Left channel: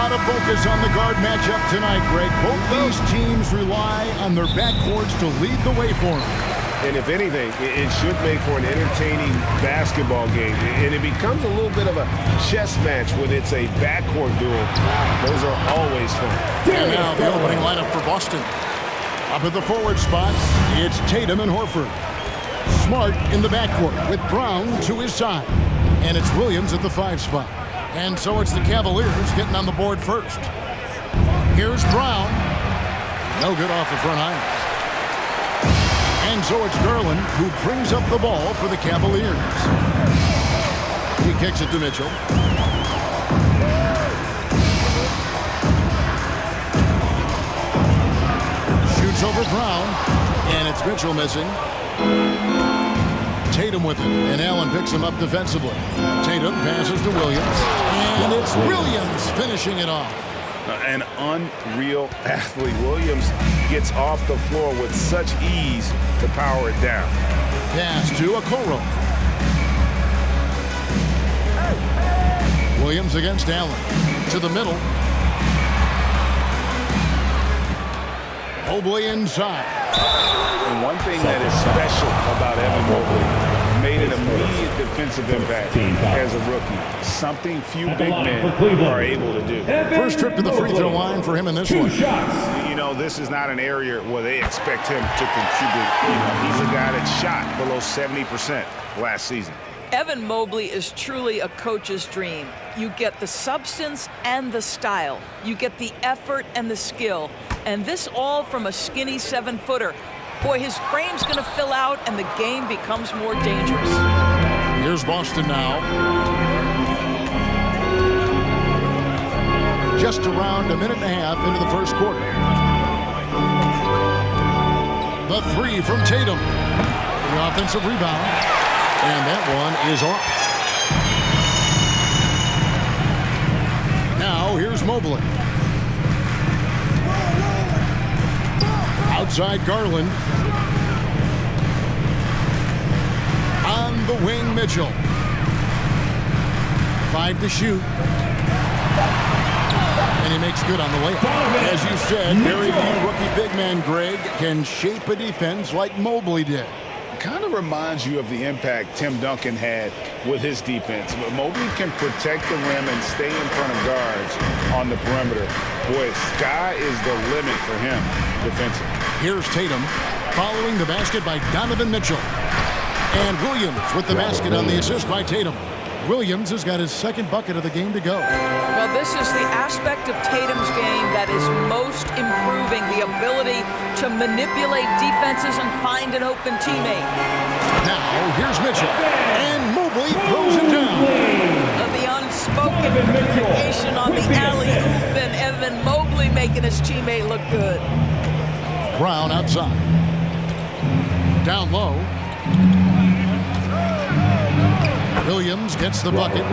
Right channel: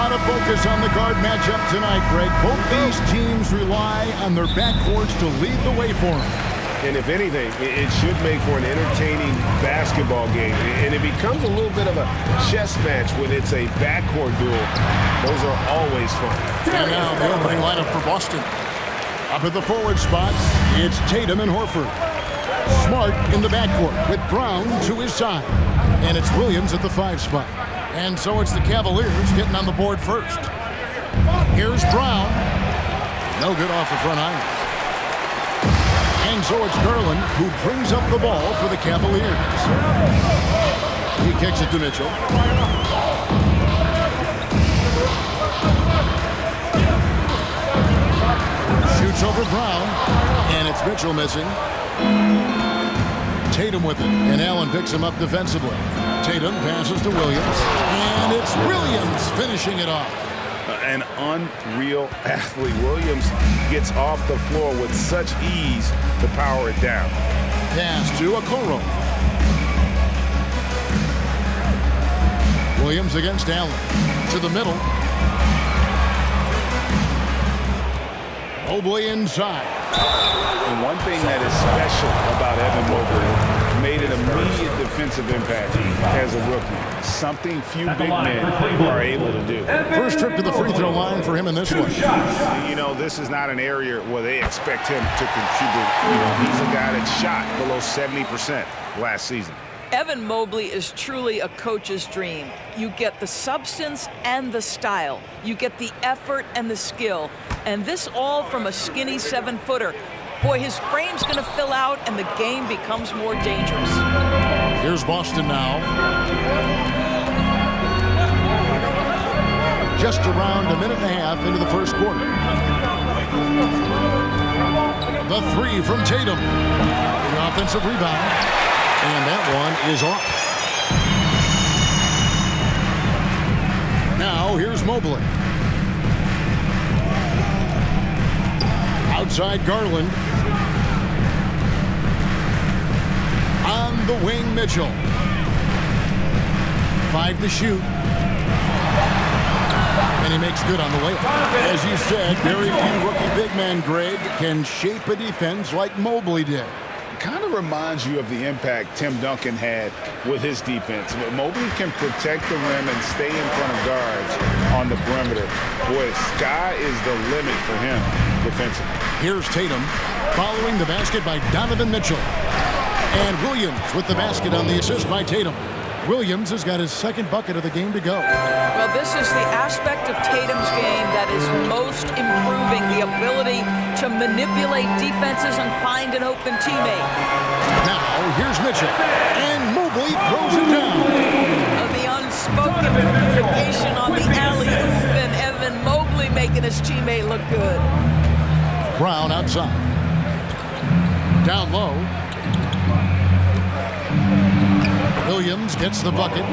lot of focus on the guard matchup tonight, Greg. Both these teams rely on their backcourts to lead the way for them. And if anything, it should make for an entertaining basketball game. And it becomes a little bit of a chess match when it's a backcourt duel. Those are always fun. And now the opening lineup for Boston. Up at the forward spots, it's Tatum and Horford. Smart in the backcourt with Brown to his side. And it's Williams at the 5 spot. And so it's the Cavaliers getting on the board first. Here's Brown. No good off the front iron. And so it's Garland who brings up the ball for the Cavaliers. He kicks it to Mitchell. Shoots over Brown, and it's Mitchell missing. Tatum with it, and Allen picks him up defensively. Tatum passes to Williams, and it's Williams finishing it off. An unreal athlete. Williams gets off the floor with such ease to power it down. Pass to Okoro. Williams against Allen. To the middle. Mobley inside. And one thing that is special about Evan Mobley, made an immediate defensive impact as a rookie. Something few big men are able to do. First trip to the free throw line for him in this one. You know, this is not an area where they expect him to contribute. You know, he's a guy that shot below 70% last season. Evan Mobley is truly a coach's dream. You get the substance and the style. You get the effort and the skill. And this all from a skinny 7-footer. Boy, his frame's going to fill out, and the game becomes more dangerous. Here's Boston now. Just around a minute and a half into the first quarter. The 3 from Tatum. The offensive rebound. And that one is off. Now here's Mobley. Outside Garland. On the wing, Mitchell. 5 to shoot. And he makes good on the layup. As you said, very few rookie big men, Greg, can shape a defense like Mobley did. Kind of reminds you of the impact Tim Duncan had with his defense. But Mobley can protect the rim and stay in front of guards on the perimeter. Boy, sky is the limit for him defensively. Here's Tatum following the basket by Donovan Mitchell. And Williams with the basket on the assist by Tatum. Williams has got his second bucket of the game to go. Well, this is the aspect of Tatum's game that is most improving, the ability to manipulate defenses and find an open teammate. Now, here's Mitchell. And Mobley throws it down. The unspoken communication on the alley-oop, and Evan Mobley making his teammate look good. Brown outside. Down low. Williams gets the bucket.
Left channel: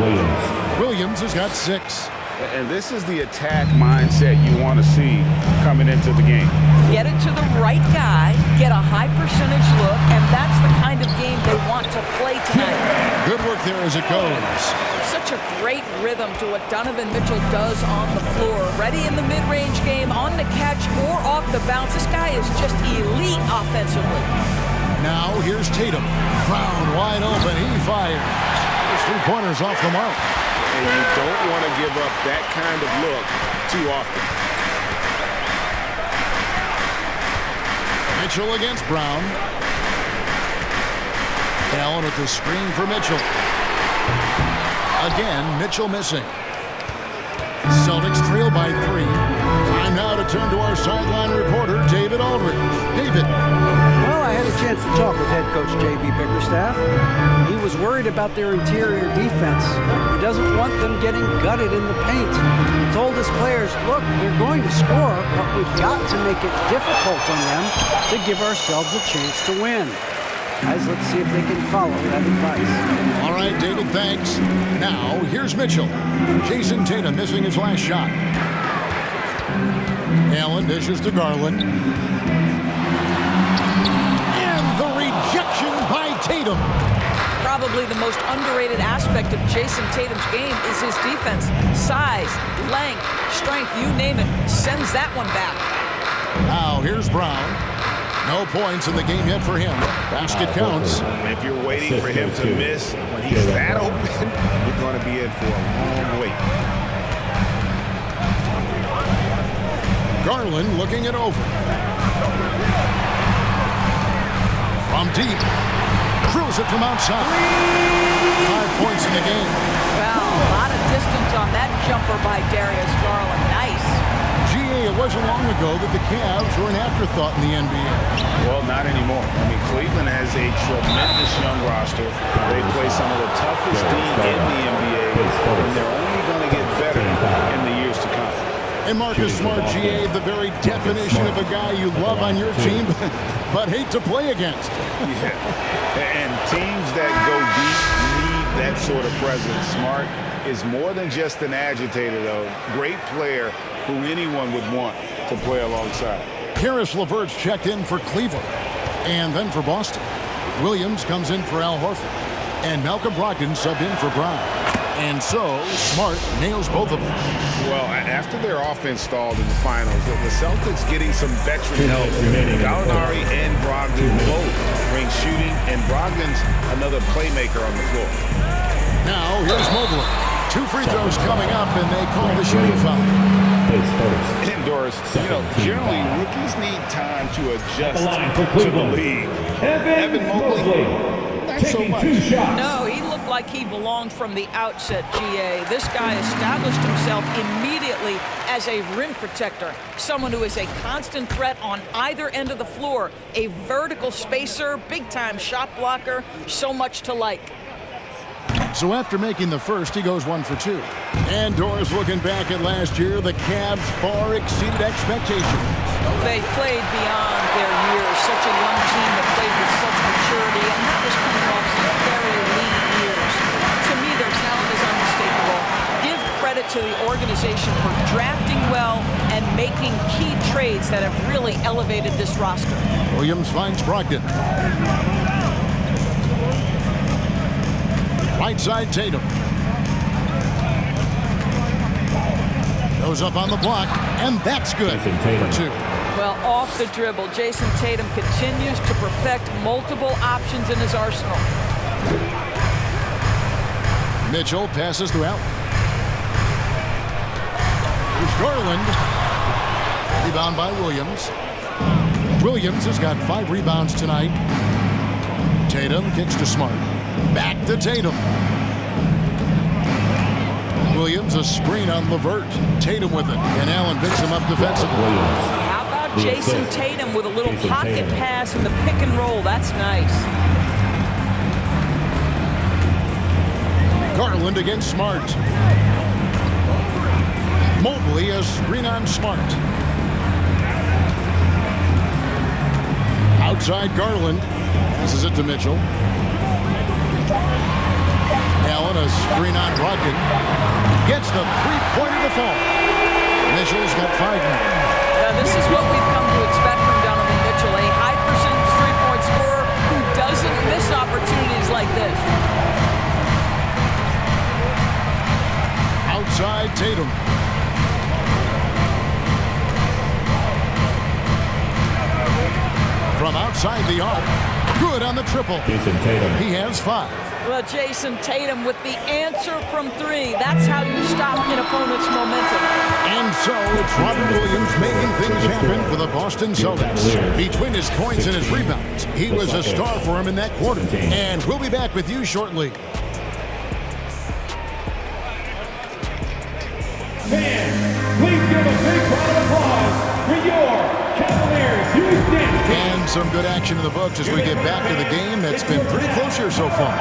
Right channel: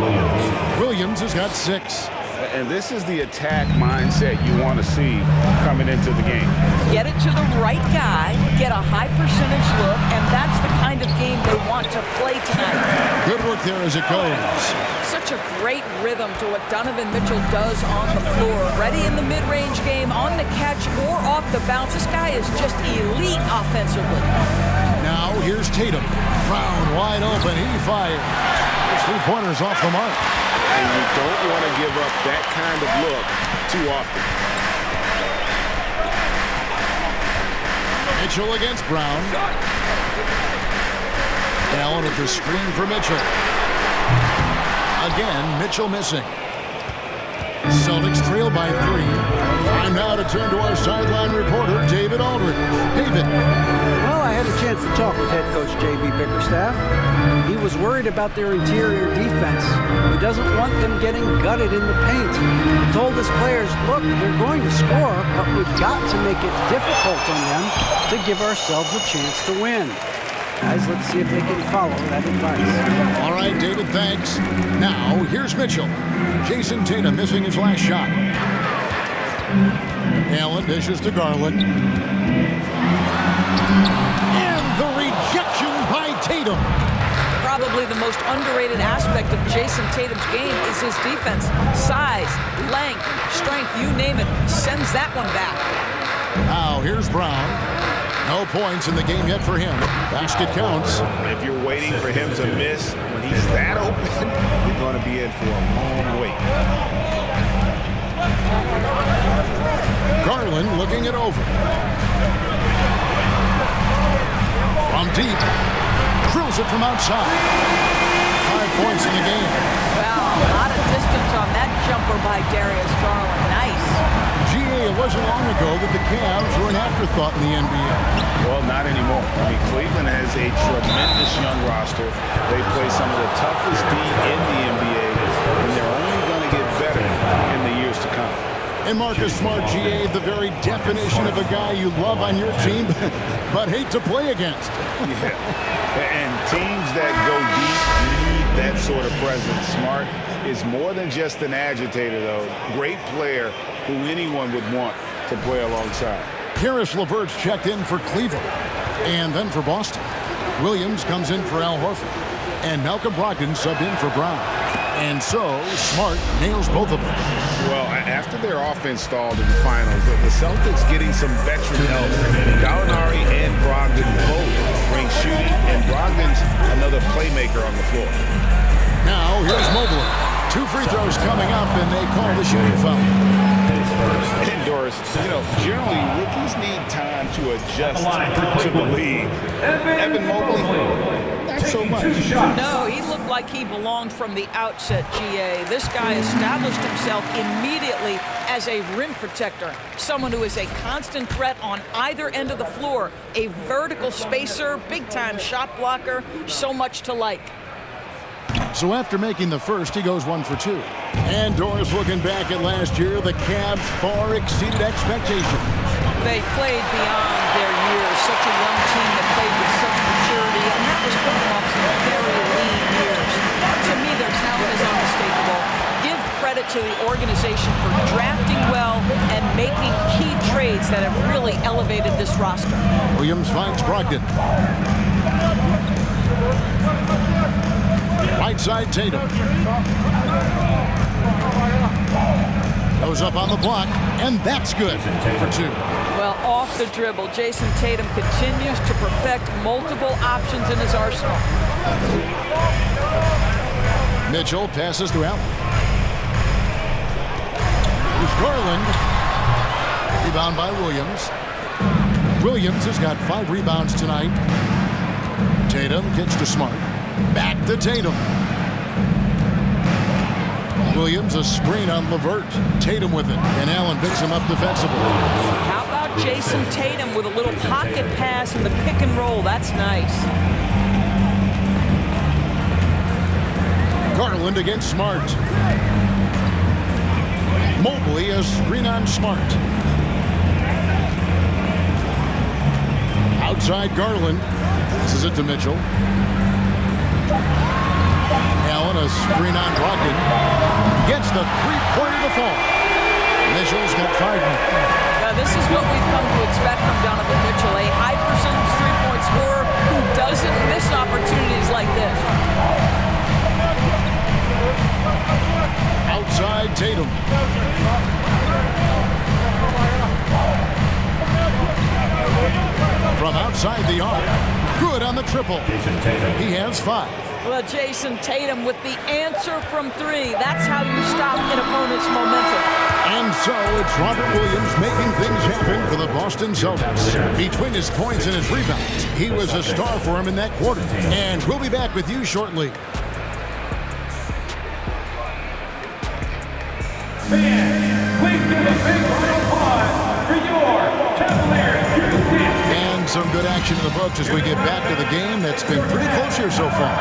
Williams has got 6. And this is the attack mindset you want to see coming into the game. Get it to the right guy, get a high percentage look, and that's the kind of game they want to play tonight. Good work there as it goes. Such a great rhythm to what Donovan Mitchell does on the floor. Ready in the mid-range game, on the catch, or off the bounce. This guy is just elite offensively. Now here's Tatum. Brown wide open. He fires. His 3-pointers off the mark. And you don't want to give up that kind of look too often. Mitchell against Brown. Allen with the screen for Mitchell. Again, Mitchell missing. Celtics trail by 3. Time now to turn to our sideline reporter, David Aldridge. David. Well, I had a chance to talk with head coach J.B. Bickerstaff. He was worried about their interior defense. He doesn't want them getting gutted in the paint. He told his players, look, they're going to score, but we've got to make it difficult on them to give ourselves a chance to win. Guys, let's see if they can follow that advice. All right, David, thanks. Now, here's Mitchell. Jason Tatum missing his last shot. Allen dishes to Garland. And the rejection by Tatum. Probably the most underrated aspect of Jason Tatum's game is his defense. Size, length, strength, you name it, sends that one back. Now here's Brown. No points in the game yet for him. Basket counts. If you're waiting for him to miss when he's that open, you're going to be in for a long wait. Garland looking it over. From deep. Drills it from outside. 5 points in the game. Well, a lot of distance on that jumper by Darius Garland. Nice. GA, it wasn't long ago that the Cavs were an afterthought in the NBA. Well, not anymore. I mean, Cleveland has a tremendous young roster. They play some of the toughest D in the NBA, and they're only going to get better in the years to come. And Marcus Smart, GA, the very definition of a guy you love on your team, but hate to play against. Yeah, and teams that go deep need that sort of presence. Smart is more than just an agitator, though. Great player who anyone would want to play alongside. Karis LeVert's checked in for Cleveland, and then for Boston. Williams comes in for Al Horford, and Malcolm Brogdon subbed in for Brown. And so, Smart nails both of them. Well, after their offense stalled in the finals, the Celtics getting some veteran help. Gallinari and Brogdon both bring shooting, and Brogdon's another playmaker on the floor. Now, here's Mobley. 2 free throws coming up, and they call the shooting foul. And Doris, you know, generally rookies need time to adjust to the league. Evan Mobley, not so much. No, he looked like he belonged from the outset, GA. This guy established himself immediately as a rim protector, someone who is a constant threat on either end of the floor, a vertical spacer, big-time shot blocker, so much to like. So after making the first, he goes 1 for 2. And Doris, looking back at last year, the Cavs far exceeded expectations. They played beyond their years. Such a young team that played with such maturity, and that was coming off some very lean years. To me, their talent is unmistakable. Give credit to the organization for drafting well and making key trades that have really elevated this roster. Williams finds Brogdon. Right side, Tatum. Goes up on the block, and that's good for 2. Well, off the dribble, Jason Tatum continues to perfect multiple options in his arsenal. Mitchell passes to Allen. Here's Garland. Rebound by Williams. Williams has got 5 rebounds tonight. Tatum kicks to Smart. Back to Tatum. Williams, a screen on LeVert. Tatum with it, and Allen picks him up defensively. How about Jason Tatum with a little pocket pass in the pick and roll? That's nice. Garland against Smart. Mobley, a screen on Smart. Outside Garland. Passes it to Mitchell. Allen, a screen on Brogdon. Gets the 3-pointer to fall. Mitchell's got 5 now. Now, this is what we've come to expect from Donovan Mitchell, a high percentage three-point scorer who doesn't miss opportunities like this. Outside Tatum. From outside the arc. Good on the triple. Jason Tatum. He has 5. Well, Jason Tatum with the answer from 3. That's how you stop an opponent's momentum. And so it's Robert Williams making things happen for the Boston Celtics. Between his points and his rebounds, he was a star for him in that quarter. And we'll be back with you shortly. Fans, please give a big round of applause for your Cavaliers Houston. And some good action in the books as we get back to the game that's been pretty close here so far.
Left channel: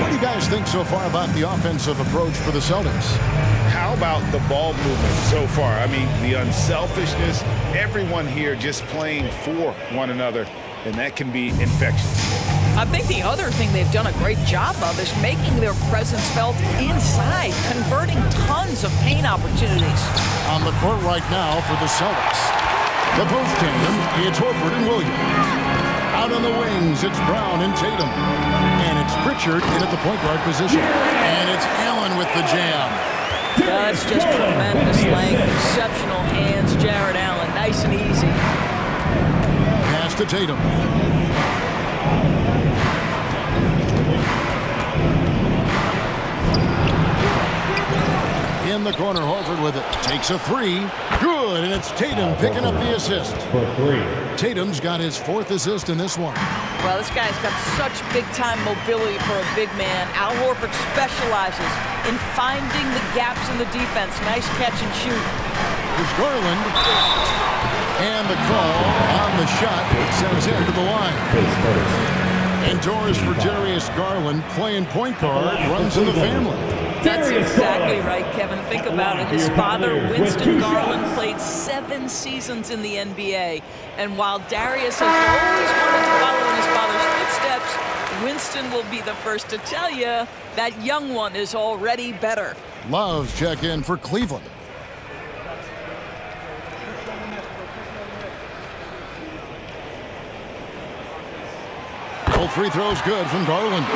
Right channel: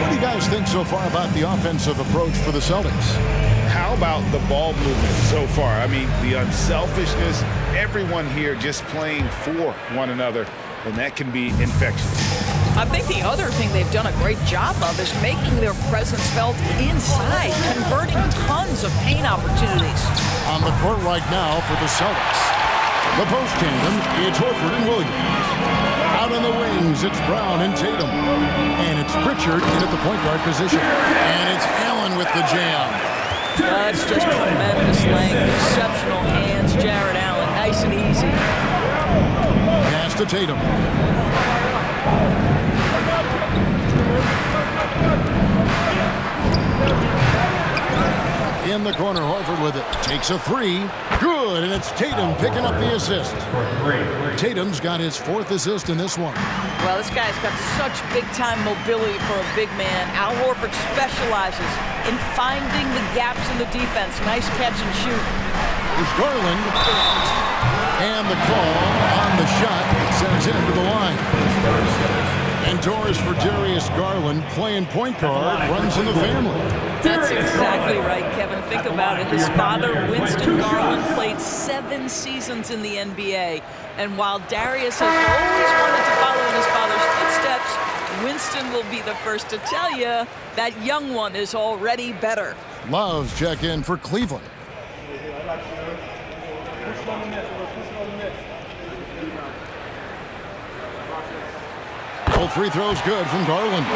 What do you guys think so far about the offensive approach for the Celtics? How about the ball movement so far? I mean, the unselfishness, everyone here just playing for one another, and that can be infectious. I think the other thing they've done a great job of is making their presence felt inside, converting tons of paint opportunities. On the court right now for the Celtics. The post tandem, it's Horford and Williams. Out on the wings, it's Brown and Tatum. And it's Pritchard in at the point guard position. And it's Allen with the jam. That's just tremendous length, exceptional hands, Jared Allen. Nice and easy. Pass to Tatum. In the corner, Horford with it. Takes a three. Good, and it's Tatum picking up the assist. Tatum's got his 4th assist in this one. Well, this guy's got such big-time mobility for a big man. Al Horford specializes in finding the gaps in the defense. Nice catch and shoot. Here's Garland. And the call on the shot. It sends him to the line. And doors for Darius Garland, playing point guard, runs in the family. That's exactly right, Kevin. Think about it. His father, Winston Garland, played 7 seasons in the NBA. And while Darius has always wanted to follow in his father's footsteps, Winston will be the first to tell you that young one is already better. Love's check in for Cleveland. Both free throws good from Garland.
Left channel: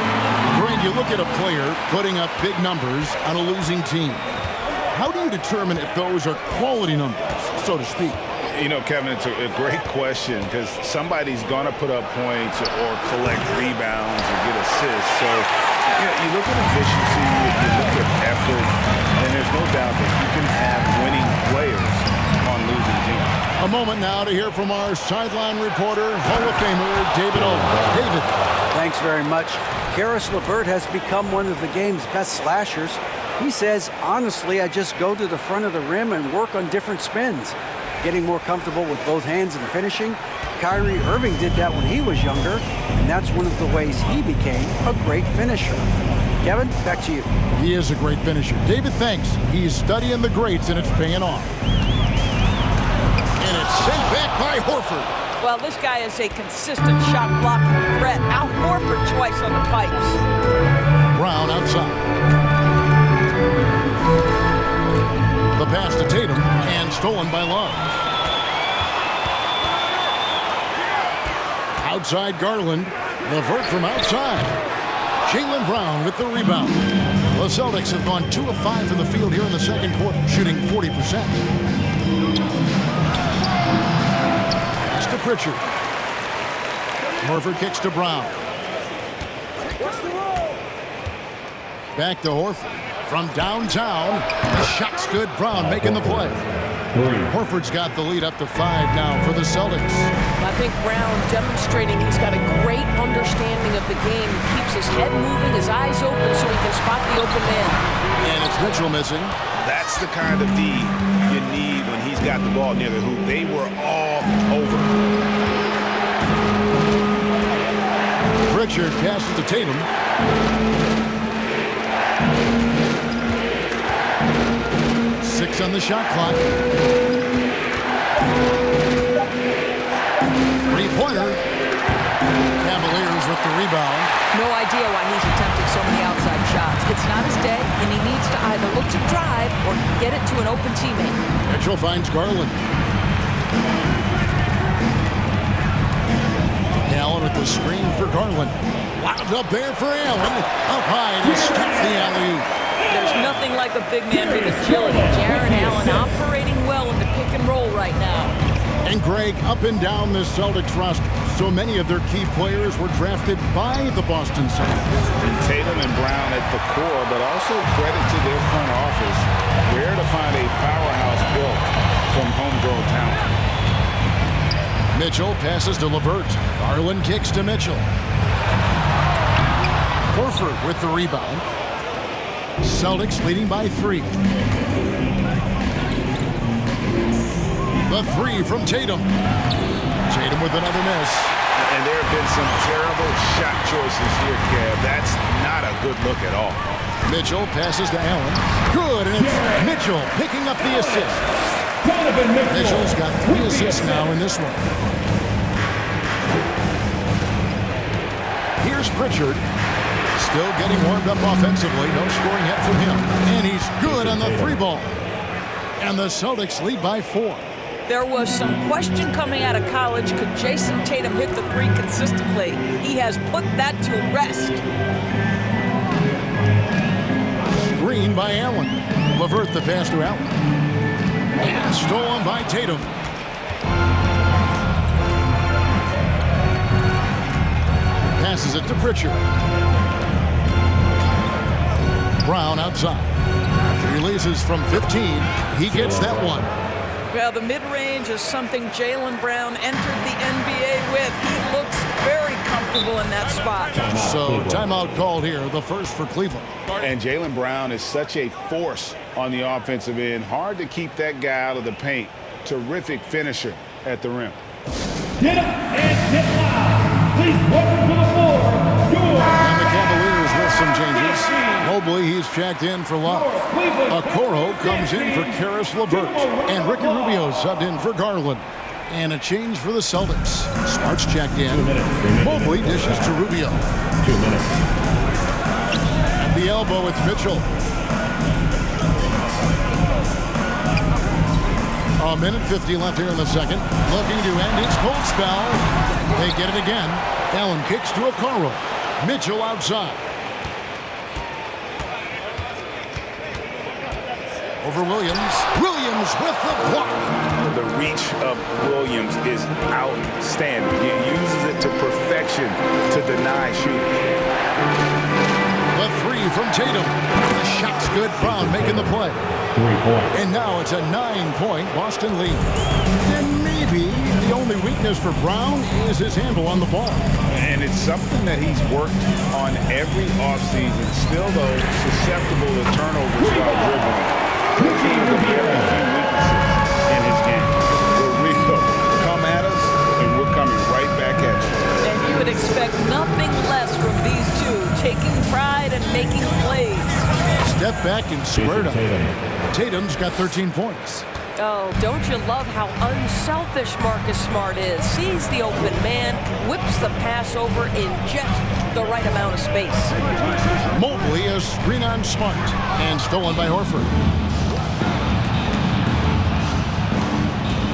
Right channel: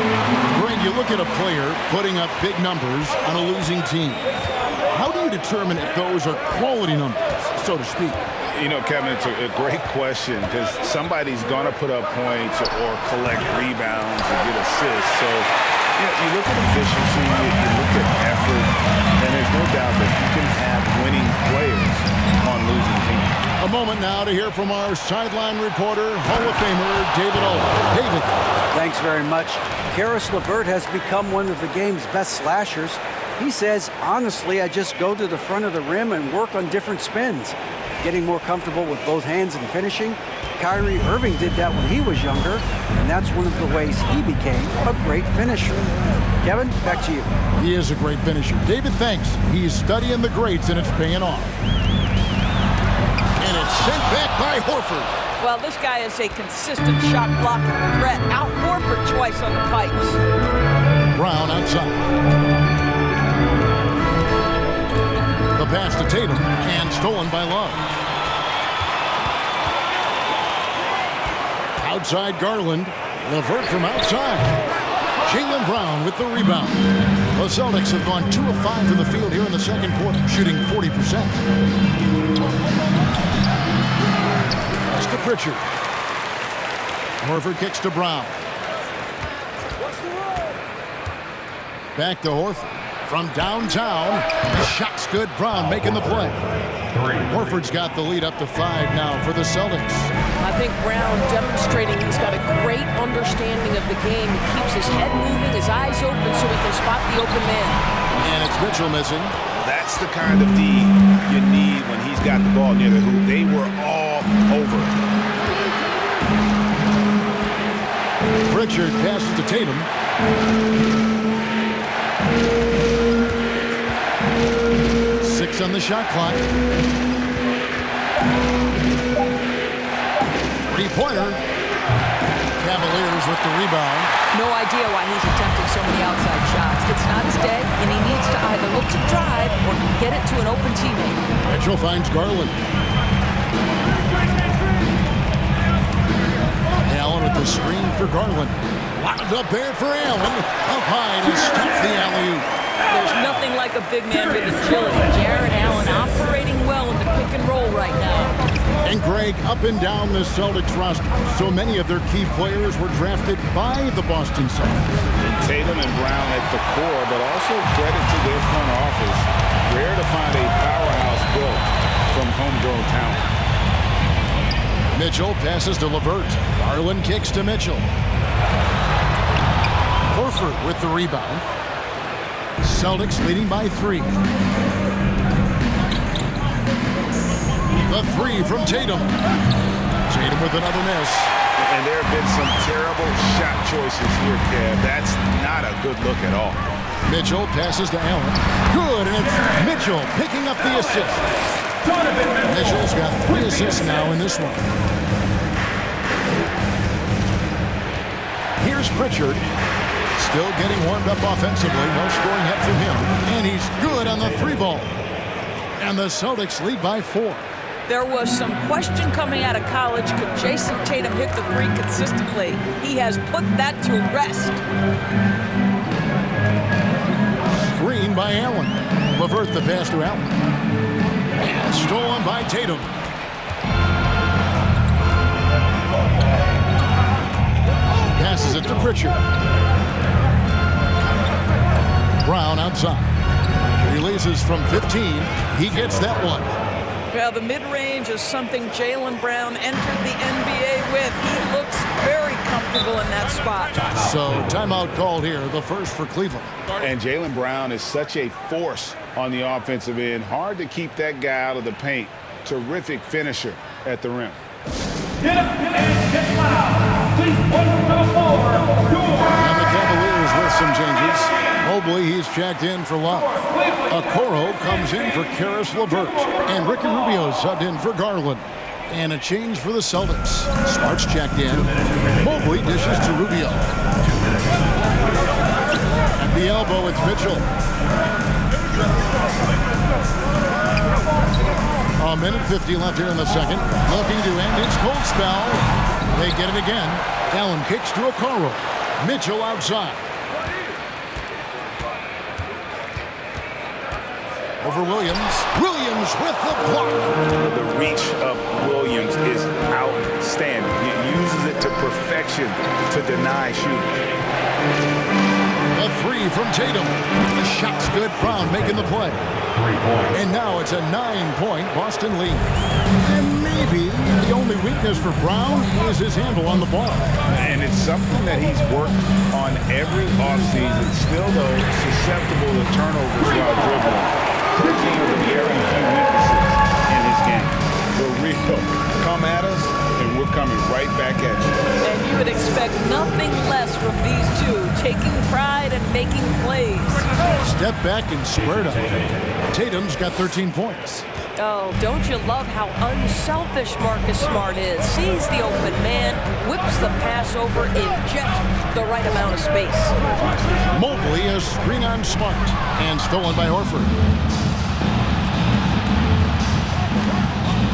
Greg, you look at a player putting up big numbers on a losing team. How do you determine if those are quality numbers, so to speak? You know, Kevin, it's a great question because somebody's going to put up points or collect rebounds or get assists. So, you know, you look at efficiency, you look at effort, and there's no doubt that you can have winning players on losing teams. A moment now to hear from our sideline reporter, Hall of Famer David Aldridge. David. Thanks very much. Karis LeVert has become one of the game's best slashers. He says, honestly, I just go to the front of the rim and work on different spins. Getting more comfortable with both hands and finishing. Kyrie Irving did that when he was younger, and that's one of the ways he became a great finisher. Kevin, back to you. He is a great finisher. David, thanks. He's studying the greats, and it's paying off. And it's sent back by Horford. Well, this guy is a consistent shot-blocking threat. Al Horford twice on the pipes. Brown outside. The pass to Tatum, and stolen by Love. Outside Garland. LeVert from outside. Jaylen Brown with the rebound. The Celtics have gone 2 of 5 from the field here in the second quarter, shooting 40%. Pass to Pritchard. Horford kicks to Brown. Back to Horford. From downtown, the shot's good. Brown making the play. Horford's got the lead up to 5 now for the Celtics. I think Brown demonstrating he's got a great understanding of the game. He keeps his head moving, his eyes open so he can spot the open man. And it's Mitchell missing. That's the kind of D you need when he's got the ball near the hoop. They were all over. Pritchard passes to Tatum. Six on the shot clock. Three-pointer. Cavaliers with the rebound. No idea why he's attempting so many outside shots. It's not his day, and he needs to either look to drive or get it to an open teammate. Mitchell finds Garland. Allen with the screen for Garland. Wound up there for Allen. Up high to stop the alley-oop. There's nothing like a big man with agility. Jared Allen operating well in the pick and roll right now. And Greg, up and down the Celtics roster, so many of their key players were drafted by the Boston Celtics. And Tatum and Brown at the core, but also credit to their front office. Rare to find a powerhouse built from homegrown talent. Mitchell passes to LeVert. Garland kicks to Mitchell. Horford with the rebound. Celtics leading by 3. The 3 from Tatum. Tatum with another miss. And there have been some terrible shot choices here, Kev. That's not a good look at all. Mitchell passes to Allen. Good, and it's Mitchell picking up the assist. Mitchell's got 3 assists now in this one. Here's Pritchard. Still getting warmed up offensively. No scoring yet from him. And he's good on the 3 ball. And the Celtics lead by 4. There was some question coming out of college. Could Jason Tatum hit the three consistently? He has put that to rest. Screen by Allen. Levert the pass to Allen. And stolen by Tatum. Passes it to Pritchard. Brown outside. Releases from 15. He gets that one. Well, the mid-range is something Jaylen Brown entered the NBA with. He looks very comfortable in that spot. So timeout called here, the first for Cleveland. And Jaylen Brown is such a force on the offensive end. Hard to keep that guy out of the paint. Terrific finisher at the rim. Get up and get loud. Please welcome to the floor, And the Cavaliers with some changes. Mobley, he's checked in for Love. Okoro comes in for Karis LeVert. And Ricky Rubio subbed in for Garland. And a change for the Celtics. Smart's checked in. Mobley dishes to Rubio. 2 minutes. At the elbow, it's Mitchell. A minute 50 left here in the second. Looking to end its cold spell. They get it again. Allen kicks to Okoro. Mitchell outside. Over Williams. Williams with the block. The reach of Williams is outstanding. He uses it to perfection to deny shooting. The three from Tatum. The shot's good. Brown making the play. 3 points. And now it's a 9-point Boston lead. And maybe the only weakness for Brown is his handle on the ball. And it's something that he's worked on every offseason. Still, though, susceptible to turnovers while dribbling. Looking at the very few weaknesses in his game. We're real. Come at us, and we're coming right back at you. And you would expect nothing less from these two, taking pride and making plays. Step back and squared up. Tatum's got 13 points. Oh, don't you love how unselfish Marcus Smart is? Sees the open man, whips the pass over in just the right amount of space. Mobley, a screen on Smart, and stolen by Horford.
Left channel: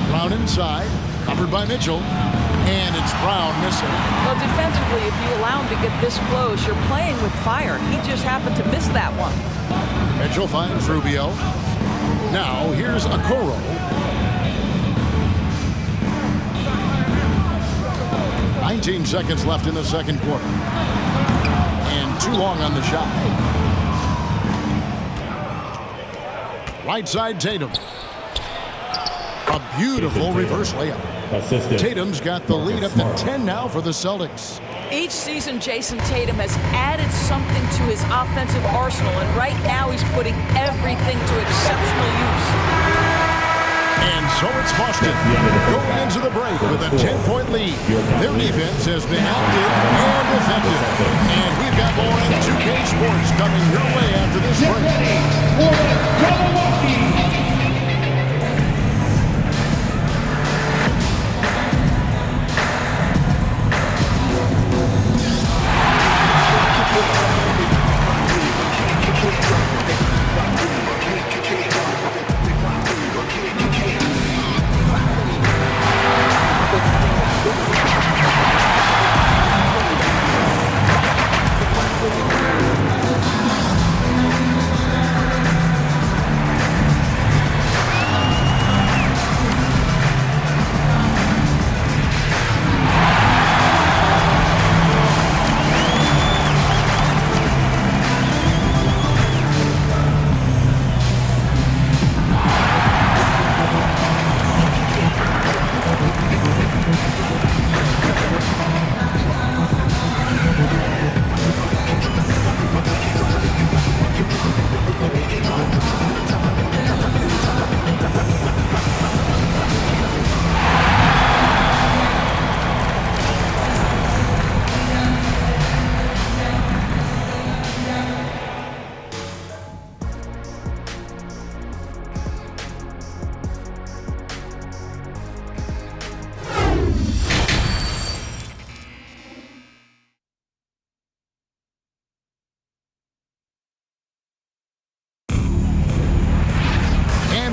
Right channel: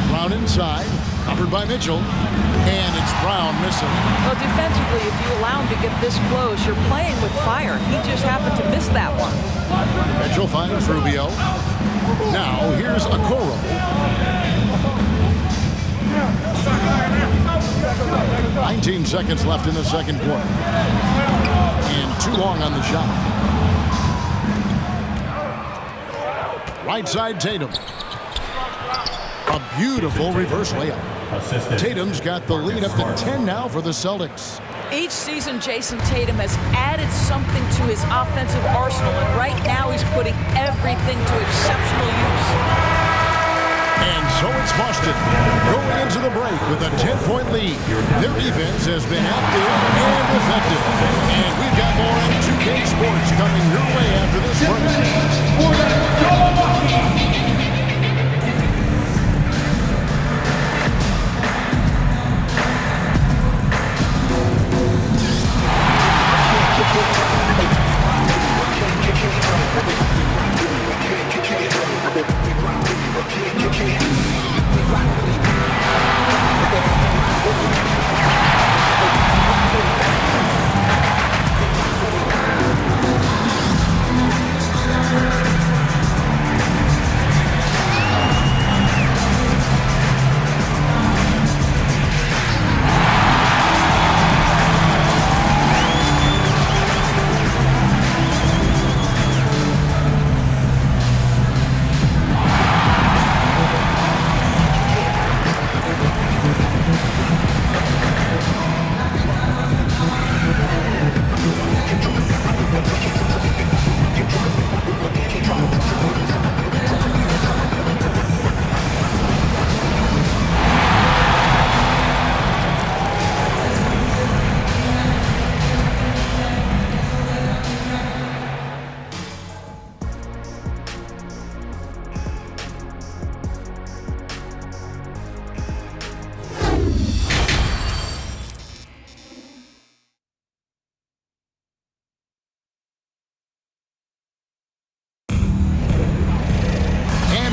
Brown inside, covered by Mitchell, and it's Brown missing. Well, defensively, if you allow him to get this close, you're playing with fire. He just happened to miss that one. Mitchell finds Rubio. Now, here's Okoro. 19 seconds left in the second quarter. And too long on the shot. Right side, Tatum. A beautiful reverse layup. Assisted. Tatum's got the lead up to 10 now for the Celtics. Each season, Jason Tatum has added something to his offensive arsenal, and right now he's putting everything to exceptional use. And so it's Boston going into the break with a 10-point lead. Their defense has been active and effective. And we've got more in 2K Sports coming your way after this break. For the Milwaukee.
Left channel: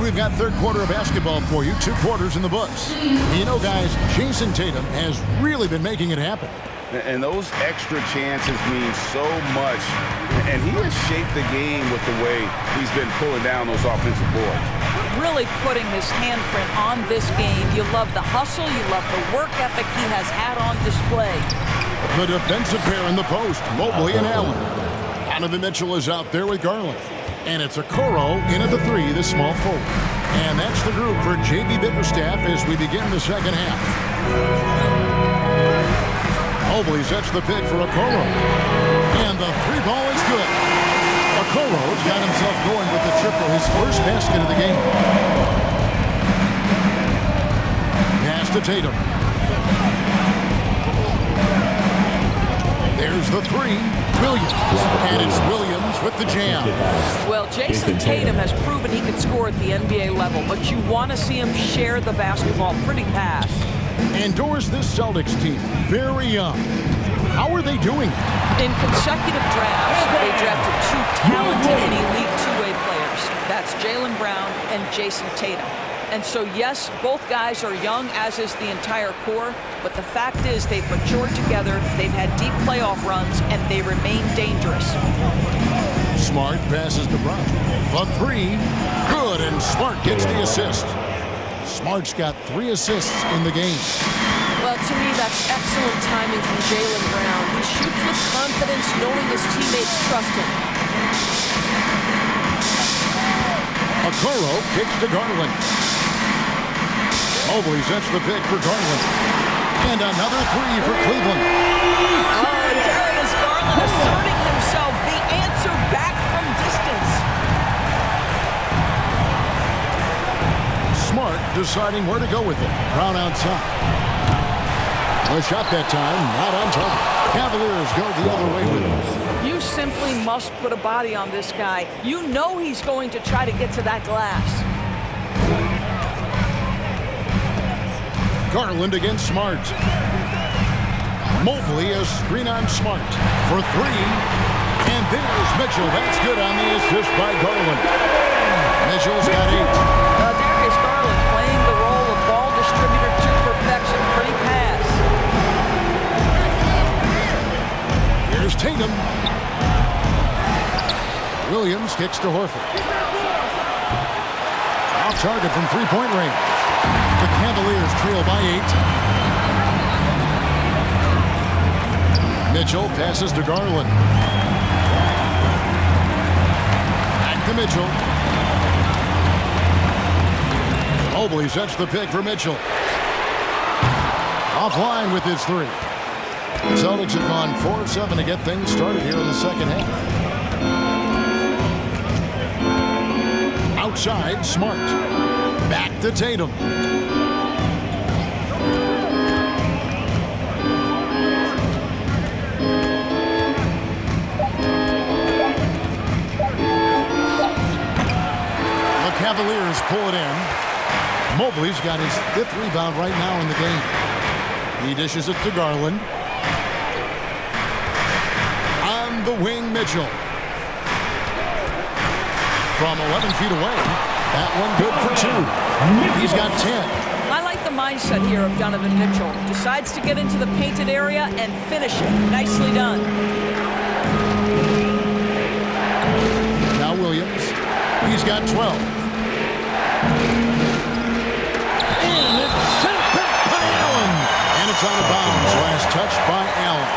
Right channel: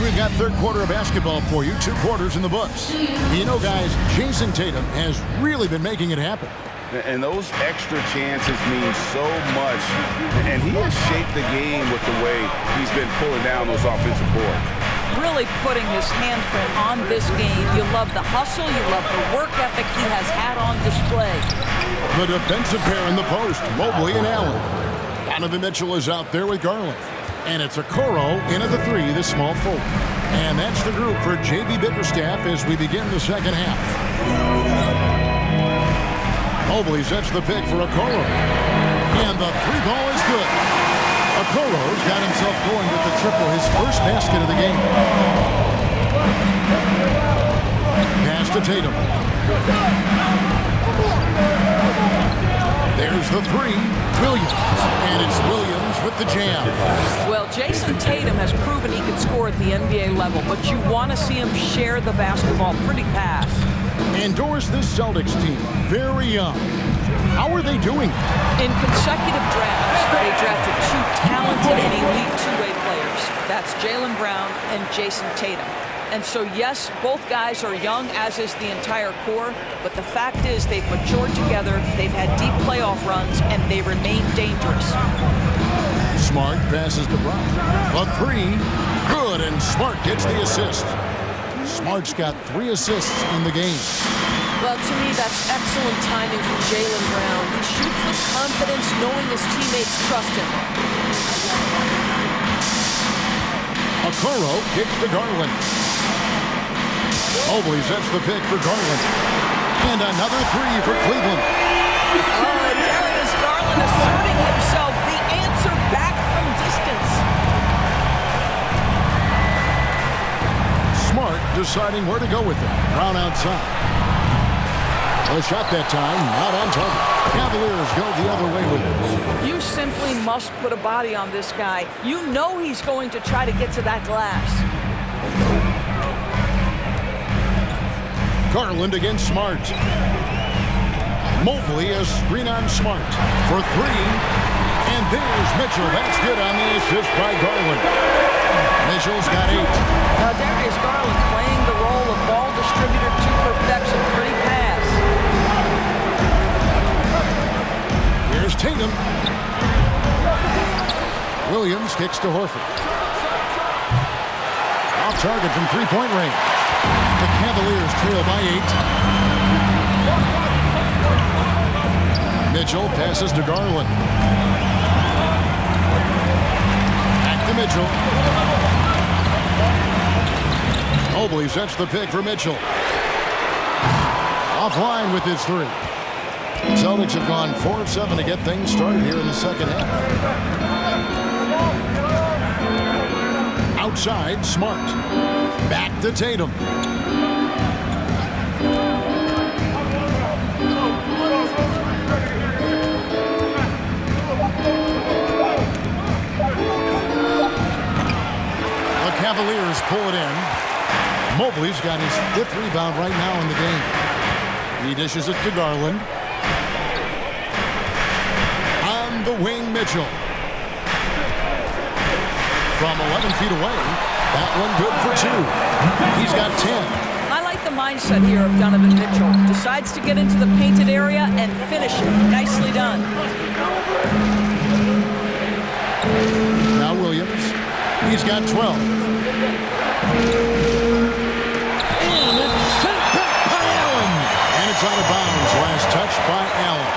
we've got third quarter of basketball for you. 2 quarters in the books. You know, guys, Jason Tatum has really been making it happen. And those extra chances mean so much. And he has shaped the game with the way he's been pulling down those offensive boards. Really putting his handprint on this game. You love the hustle. You love the work ethic he has had on display. The defensive pair in the post, Mobley and Allen. Donovan Mitchell is out there with Garland. And it's Okoro in at the 3, the small forward. And that's the group for J.B. Bickerstaff as we begin the second half. Mobley sets the pick for Okoro. And the 3 ball is good. Okoro's got himself going with the triple, his first basket of the game. Pass to Tatum. There's the 3, Williams. And it's Williams with the jam. Well, Jason Tatum has proven he can score at the NBA level, but you want to see him share the basketball pretty fast. Endorse this Celtics team, very young. How are they doing? In consecutive drafts, they drafted 2 talented and elite two-way players. That's Jaylen Brown and Jason Tatum. And so, yes, both guys are young, as is the entire core, but the fact is they've matured together, they've had deep playoff runs, and they remain dangerous. Smart passes to Brown. The 3, good, and Smart gets the assist. Smart's got 3 assists in the game. Well, to me, that's excellent timing from Jaylen Brown. He shoots with confidence, knowing his teammates trust him. Okoro kicks to Garland. Mobley sets the pick for Garland. And another 3 for Cleveland. Oh, and Darius Garland asserting himself, the answer back from distance. Smart deciding where to go with it. Brown outside. A shot that time, not on target. Cavaliers go the other way with it. You simply must put a body on this guy. You know he's going to try to get to that glass. Garland against Smart. Mobley a screen on Smart for 3. And there's Mitchell. That's good on the assist by Garland. Mitchell's got 8. Darius Garland playing the role of ball distributor to perfection. Pretty pass. Here's Tatum. Williams kicks to Horford. Off target from 3-point range. The Cavaliers trail by 8. Mitchell passes to Garland. Back to Mitchell. Mobley sets the pick for Mitchell. Offline with his 3. The Celtics have gone 4 of 7 to get things started here in the second half. Outside, Smart. Back to Tatum. The Cavaliers pull it in. Mobley's got his 5th rebound right now in the game. He dishes it to Garland. On the wing, Mitchell. From 11 feet away, that one good for 2. He's got 10. I like the mindset here of Donovan Mitchell. Decides to get into the painted area and finish it. Nicely done. Now Williams. He's got 12. And it's sent back by Allen. And it's out of bounds. Last touch by Allen.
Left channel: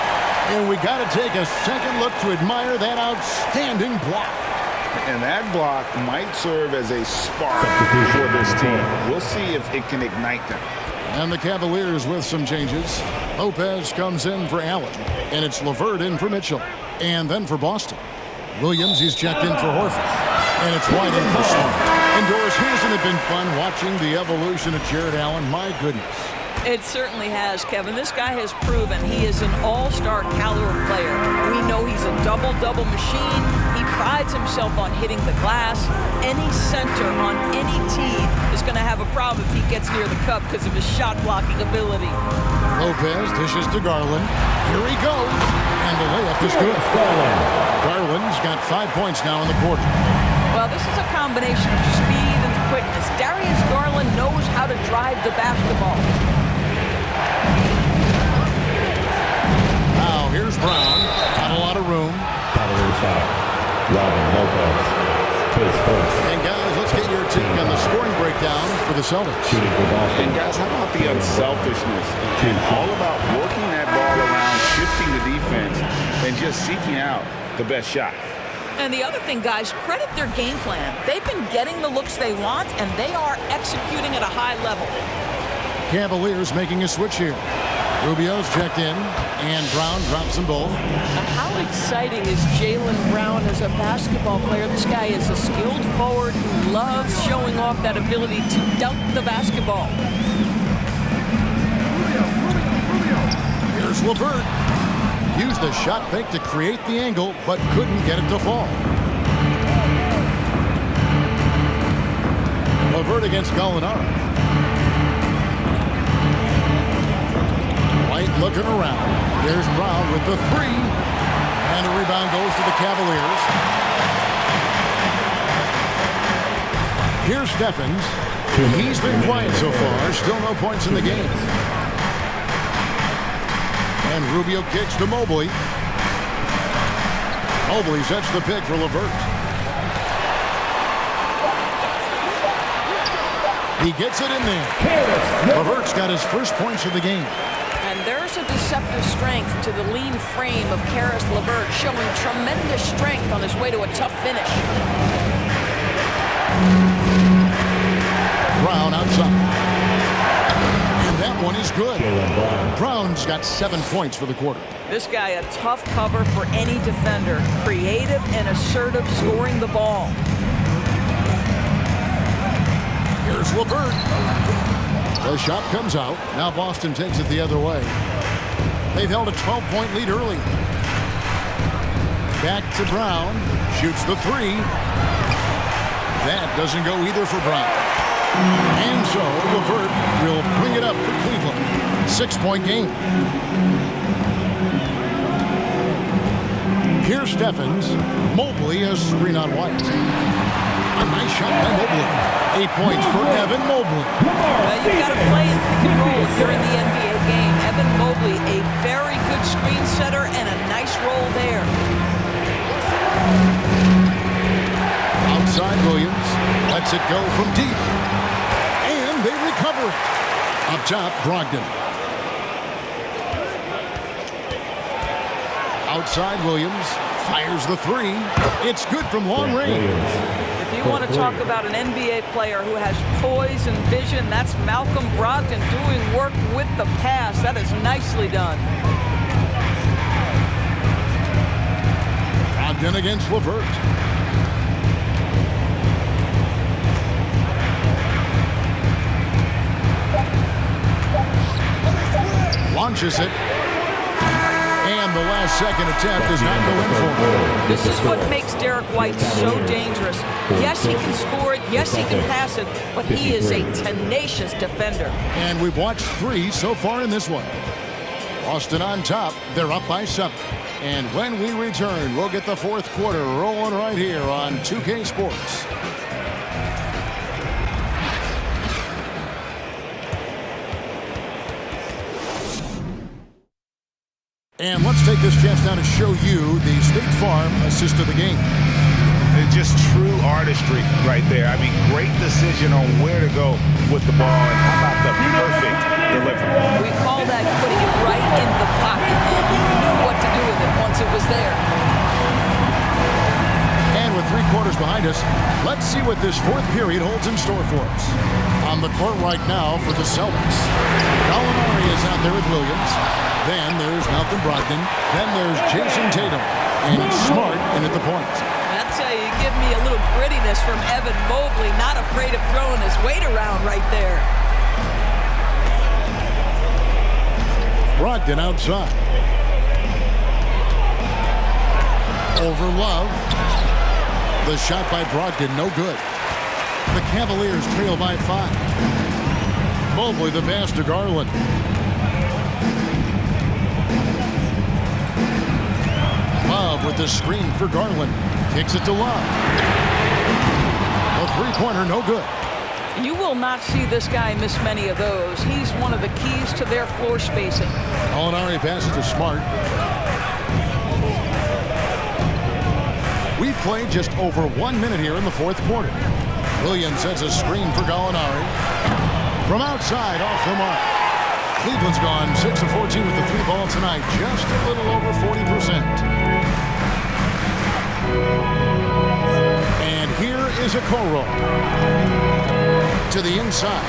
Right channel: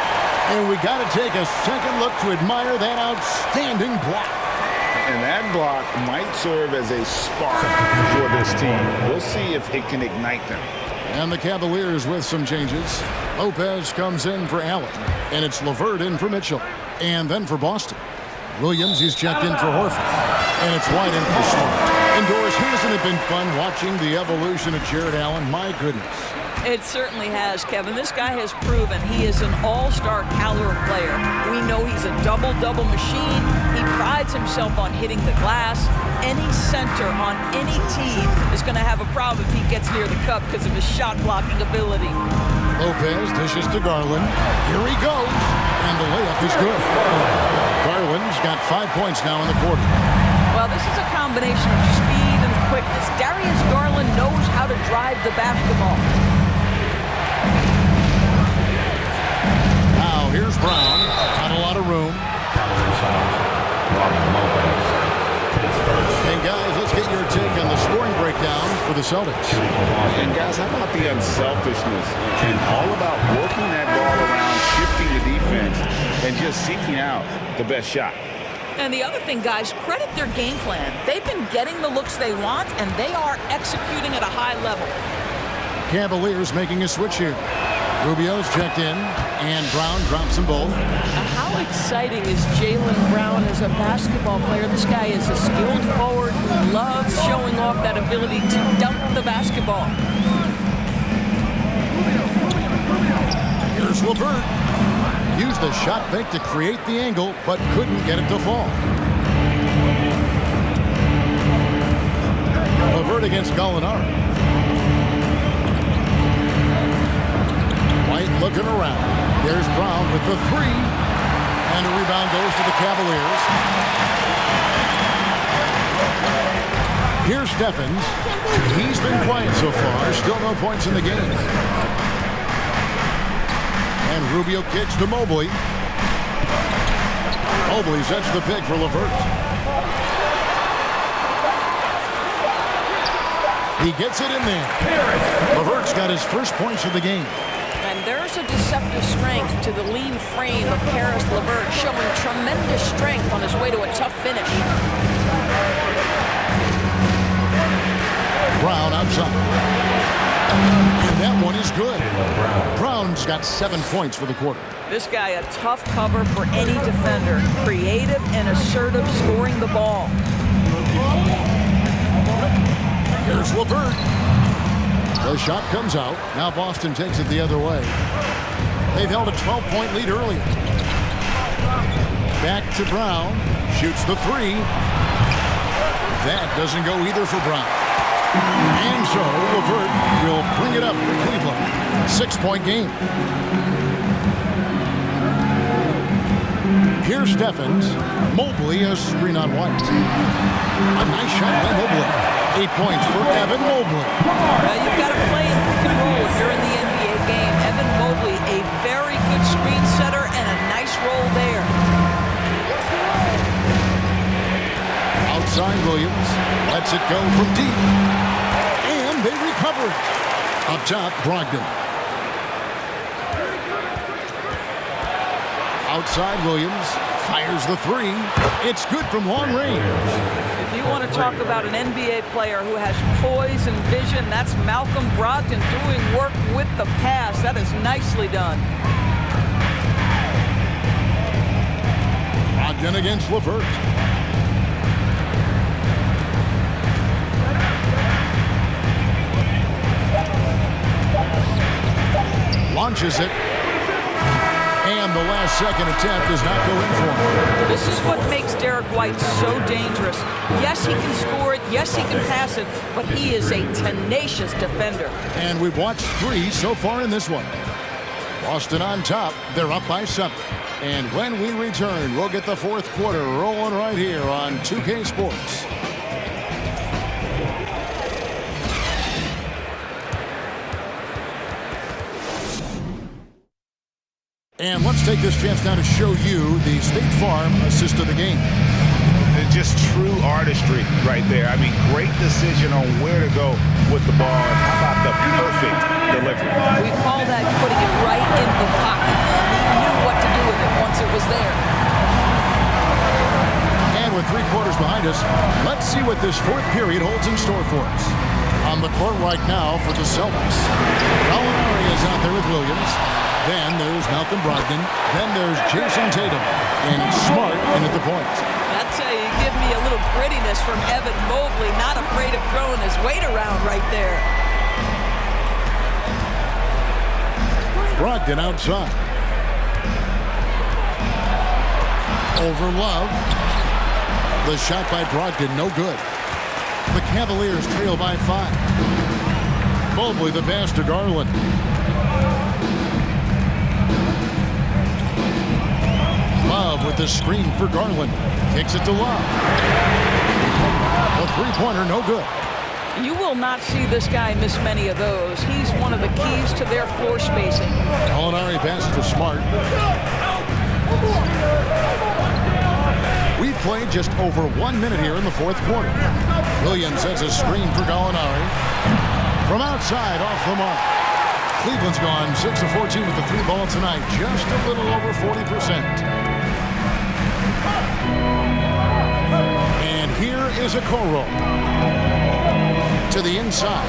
And we got to take a second look to admire that outstanding block. And that block might serve as a spark for this team. We'll see if it can ignite them. And the Cavaliers with some changes. Lopez comes in for Allen. And it's LeVert in for Mitchell. And then for Boston. Williams, he's checked in for Horford. And it's White in for Smart. And Doris, hasn't it been fun watching the evolution of Jared Allen? My goodness. It certainly has, Kevin. This guy has proven he is an all-star caliber player. We know he's a double-double machine. He prides himself on hitting the glass. Any center on any team is going to have a problem if he gets near the cup because of his shot-blocking ability. Lopez dishes to Garland. Here he goes. And the layup is good. Garland's got 5 points now in the quarter. Well, this is a combination of speed and quickness. Darius Garland knows how to drive the basketball. Now here's Brown. Not a lot of room. And guys, let's get your take on the scoring breakdown for the Celtics. And guys, how about the unselfishness and all about working that ball around, shifting the defense, and just seeking out the best shot. And the other thing, guys, credit their game plan. They've been getting the looks they want, and they are executing at a high level. Cavaliers making a switch here. Rubio's checked in, and Brown drops them both. How exciting is Jaylen Brown as a basketball player? This guy is a skilled forward who loves showing off that ability to dunk the basketball. Here's LeVert. Used the shot fake to create the angle, but couldn't get it to fall. LeVert against Gallinari. White looking around. There's Brown with the three. And a rebound goes to the Cavaliers. Here's Stephens. He's been quiet so far. Still no points in the game. And Rubio kicks to Mobley. Mobley sets the pick for LeVert. He gets it in there. LeVert's got his first points of the game. And there's a deceptive strength to the lean frame of Caris LeVert, showing tremendous strength on his way to a tough finish. Brown outside. And that one is good. Brown's got 7 points for the quarter. This guy, a tough cover for any defender. Creative and assertive scoring the ball. Here's LeVert. The shot comes out. Now Boston takes it the other way. They've held a 12-point lead earlier. Back to Brown. Shoots the three. That doesn't go either for Brown. And so LeVert will bring it up for Cleveland. 6-point game. Here's Stephens. Mobley, a screen on White. A nice shot by Mobley. 8 points for Evan Mobley. You've got to play in pick and roll if you're in the NBA game. Evan Mobley, a very good screen setter and a nice roll there. Outside Williams. Lets it go from deep. And they recover it. Up top, Brogdon. Outside Williams. Fires the three. It's good from long range. If you want to talk about an NBA player who has poise and vision, that's Malcolm Brogdon doing work with the pass. That is nicely done. Brogdon against LeVert. Launches it. And the last second attempt does not go in for him. This is what makes Derek White so dangerous. Yes, he can score it. Yes, he can pass it. But he is a tenacious defender. And we've watched 3 so far in this one. Boston on top. They're up by 7. And when we return, we'll get the fourth quarter rolling right here on 2K Sports. And let's take this chance now to show you the State Farm assist of the game. It's just true artistry right there. I mean, great decision on where to go with the ball, and how about the perfect delivery. We call that putting it right in the pocket, and he knew what to do with it once it was there. And with 3 quarters behind us, let's see what this fourth period holds in store for us. On the court right now for the Celtics, Gallinari is out there with Williams. Then there's Malcolm Brogdon. Then there's Jason Tatum. And it's Smart in at the point. I tell you, give me a little grittiness from Evan Mobley. Not afraid of throwing his weight around right there. Brogdon outside. Over Love. The shot by Brogdon, no good. The Cavaliers trail by 5. Mobley the pass to Garland. Love with the screen for Garland. Kicks it to Love. A three-pointer, no good. You will not see this guy miss many of those. He's one of the keys to their floor spacing. Gallinari passes to Smart. We've played just over 1 minute here in the fourth quarter. Williams sets a screen for Gallinari. From outside, off the mark. Cleveland's gone 6 of 14 with the 3 ball tonight, just a little over 40%. And here is a Okoro. To the inside.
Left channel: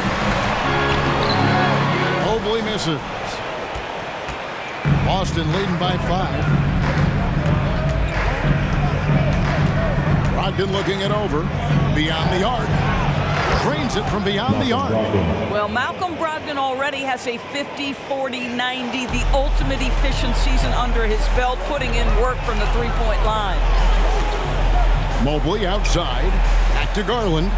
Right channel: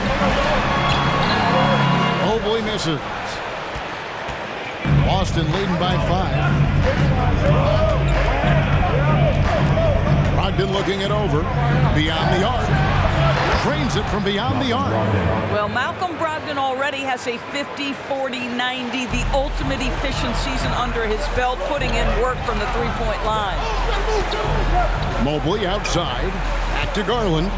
Mobley misses. Boston leading by 5. Brogdon looking it over. Beyond the arc. Cranes it from beyond the arc. Well, Malcolm Brogdon already has a 50, 40, 90, the ultimate efficient season under his belt, putting in work from the three-point line. Mobley outside. Back to Garland.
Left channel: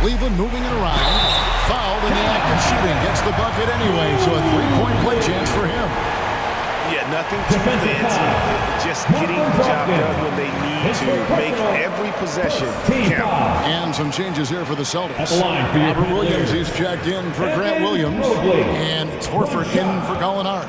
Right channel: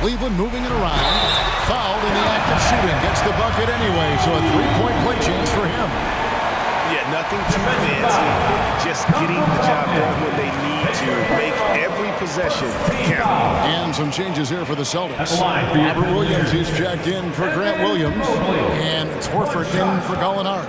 Cleveland moving it around. Fouled in the act of shooting. Gets the bucket anyway, so a three-point play chance for him. Yeah, nothing too fancy. Just getting the job done when they need to. Make every possession count. And some changes here for the Celtics. Robert Williams, he's checked in for Grant Williams. And it's Horford in for Gallinari.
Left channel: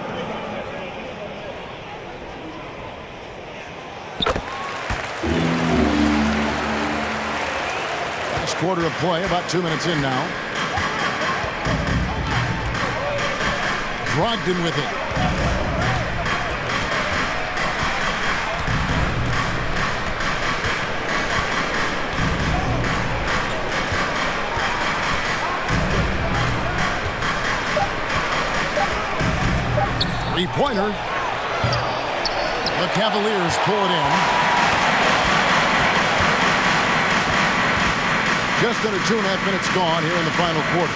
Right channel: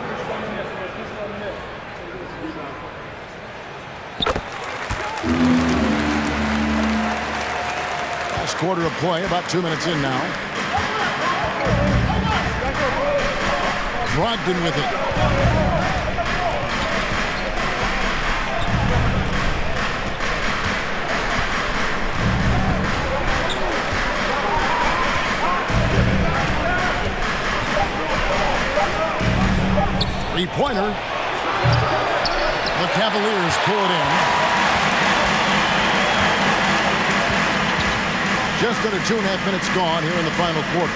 Last quarter of play, about 2 minutes in now. Brogdon with it. Three-pointer. The Cavaliers pull it in. Just under 2.5 minutes gone here in the final quarter.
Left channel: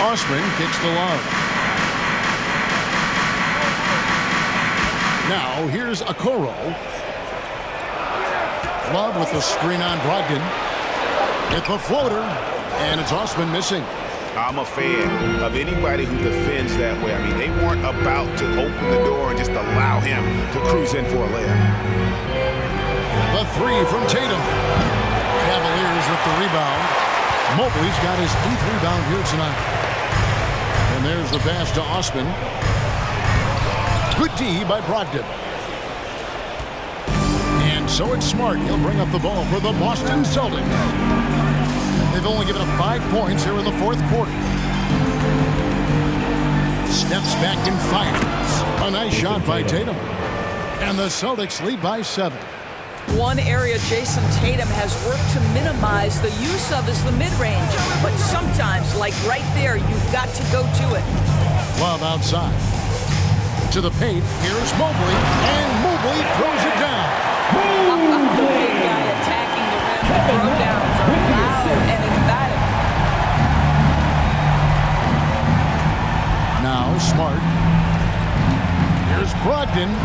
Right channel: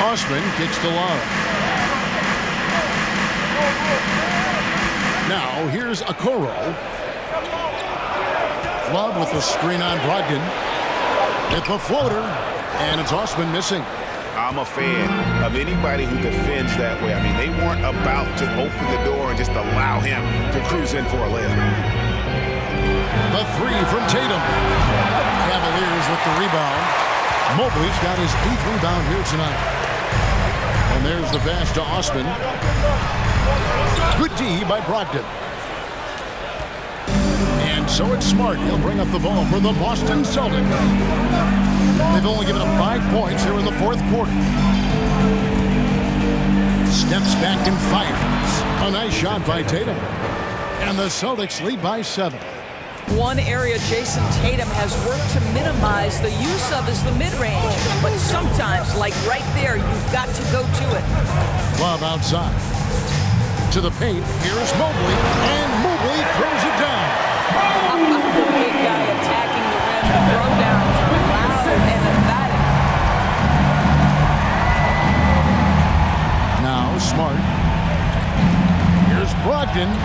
Osman kicks to Love. Now here's Okoro. Love with the screen on Brogdon. Hit the floater, and it's Osman missing. I'm a fan of anybody who defends that way. I mean, they weren't about to open the door and just allow him to cruise in for a layup. The three from Tatum. Cavaliers with the rebound. Mobley's got his 8th rebound here tonight. And there's the pass to Osman. Good D by Brogdon. And so it's Smart. He'll bring up the ball for the Boston Celtics. They've only given up 5 points here in the fourth quarter. Steps back and fires. A nice shot by Tatum. And the Celtics lead by 7. One area Jason Tatum has worked to minimize the use of is the mid-range. But sometimes, like right there, you've got to go to it. Love outside. To the paint. Here's Mobley. And Mobley throws it down. How about the big guy attacking the rim? The throwdowns are loud and emphatic. Now Smart. Here's Brogdon.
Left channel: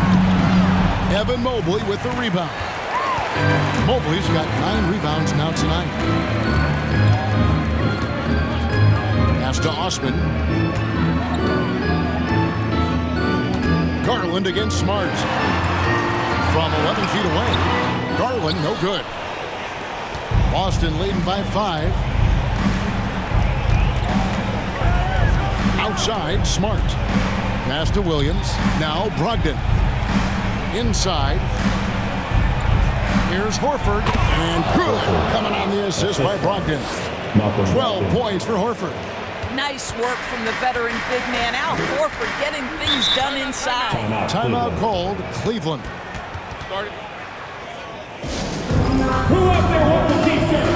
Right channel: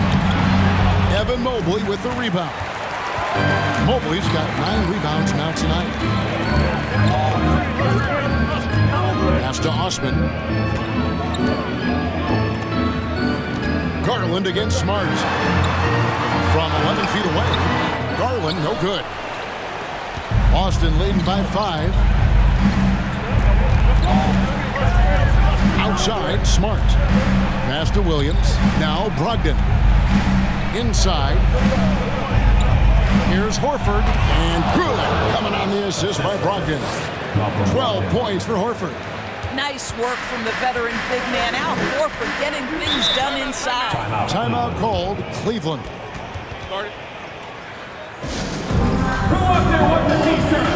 Evan Mobley with the rebound. Mobley's got 9 rebounds now tonight. Pass to Osman. Garland against Smart. From 11 feet away. Garland, no good. Boston leading by 5. Outside, Smart. Pass to Williams. Now Brogdon. Inside. Here's Horford. And good. Coming on the assist by Brogdon. 12 points for Horford. Nice work from the veteran big man. Al Horford getting things done inside. Timeout called. Cleveland. Who out there wants a t-shirt?